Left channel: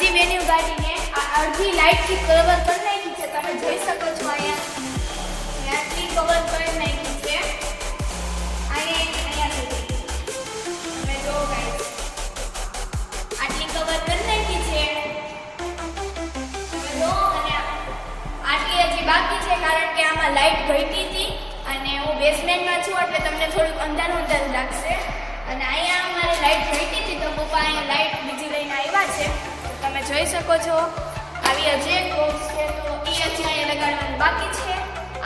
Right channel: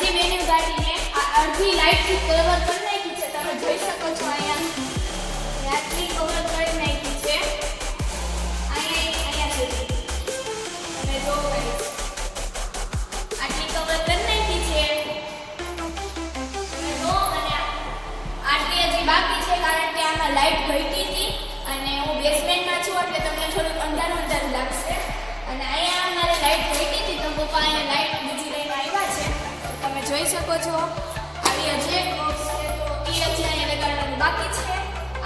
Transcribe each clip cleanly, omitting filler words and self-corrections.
અડધી વેન્યુ ગાડીને આ અડધી લાઇટથી કવર કરી નાખી છે. તમે જોઈ શકો છો અહીંયા આટલી કવર કરી નાખી છે. અહીંયા સુધી તમે જો ગાઈસ આટલી કવર કરી નાખી છે. તમે જો અને આટલી હજી બાકી છે કારણ કે આમાં લાઇટ ઘટી હતી અને હું બેસમેન્ટમાં છું એટલે તમને થોડુંક અંધારું અંધારું લાગશે. અને અહીંયા અમારે લાઇટ ઘટી હતી તો પપ્પા અહીંયા લાઇટ બીજી લઈને આવ્યા છે. તમે જોઈ શકો છો આવી હજી એક બોક્સ છે તો એ હજી અહીંયા લગાડવાનું બાકી છે.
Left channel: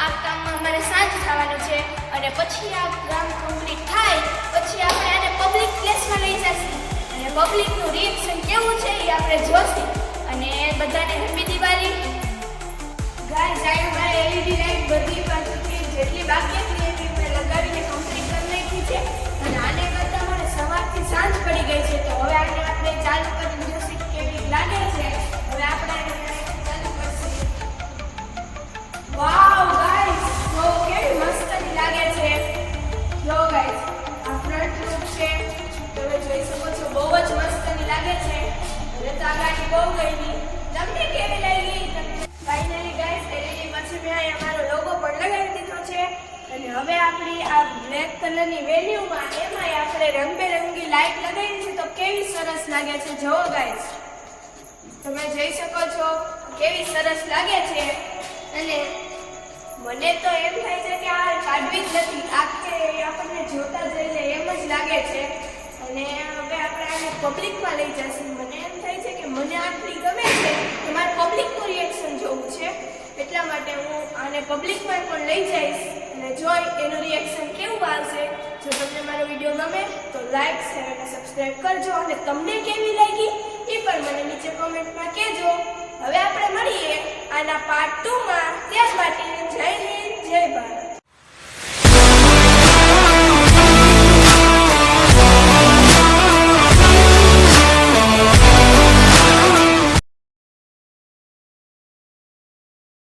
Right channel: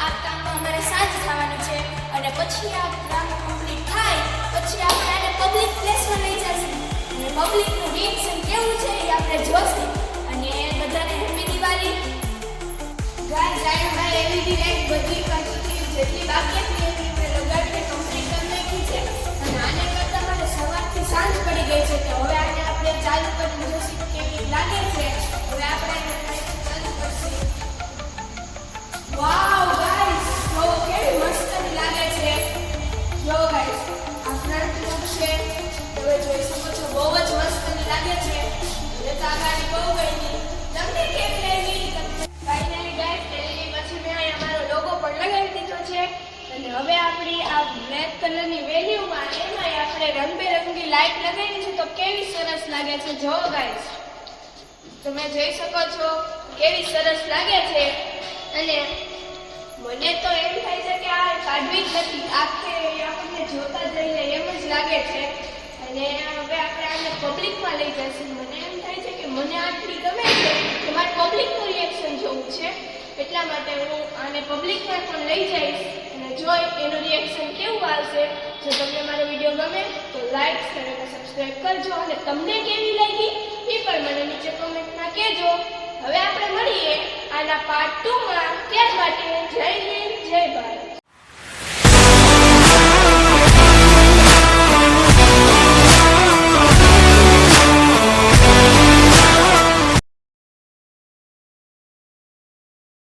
આ કામમાં અમારે સાંજ થવાની છે અને પછી આ કામ કમ્પ્લીટ થાય પછી આપણે આને પબ્લિક પ્લેસમાં લઈ જઈશું અને પબ્લિકનું રિએક્શન કેવું છે એ આપણે જોઈશું. અને બધાને હેપી દિવાળી. ગાઈસ આ મારે એલઈડી લાઇટ બધી બાજુથી જેટલી બાકી હતી એટલી મેં લગાવીને કમ્પ્લીટ કરી નાખી છે. અને આને કરતાં મને સવારથી સાંજ પડી ગઈ છે તો હવે આને આપણે ચાલુ કરીને જોઈશું કેવી લાગે છે. હવે આપણે ચાલુ કરશું. વાવ ગાઈસ જો કેવી મસ્ત લાગે છે. જો ગાઈસ આ ફ્રન્ટ લુક છે તમે જોઈ શકો છો બહુ જ મસ્ત લાગે છે. હવે તો આ ગાડી બહુ ગઈ. તમને કેવી લાગી? ફાઇનલી ગાઈસ એલઈડી પછી મેં અહીંયા મારો લોગો પણ લગાવી દીધો છે. અને હવે આપણી આ બ્લેક કલરની વેન્યુમાં એમાંય આપણે રંગબેરંગી લાઇટ લગાવી છે તો કેવી સરસ લાગે છે. જો ગાઈસ તમે જોઈ શકો છો કેવી સરસ લાગે છે. અને મને તો એમ થાય છે કે આ કાઢવી જ નથી આખે આપણને જોતા જઈને એમ જ લાગે છે. અને હવે આપણે આને પબ્લિકમાં લઈ જઈશું. મને એમ થાય છે કે મને આટલી ગમે છે કે મારે પબ્લિકનું રિએક્શન જોવું છે એટલા માટે હું આને પબ્લિકમાં પણ લઈ જઈશ અને જોઈ એનું રિએક્શન કેવું આવશે. જો તમને મારો વિડીયો ગમે તો લાઈક શેર અને સબસ્ક્રાઇબ કરજો અને તમને કેવી લાગી એ પણ મને નીચે કોમેન્ટમાં કહેજો. હવે આપણે મળીએ આના પાર્ટ 2 માં. ત્યાં માટે જય હિન્દ.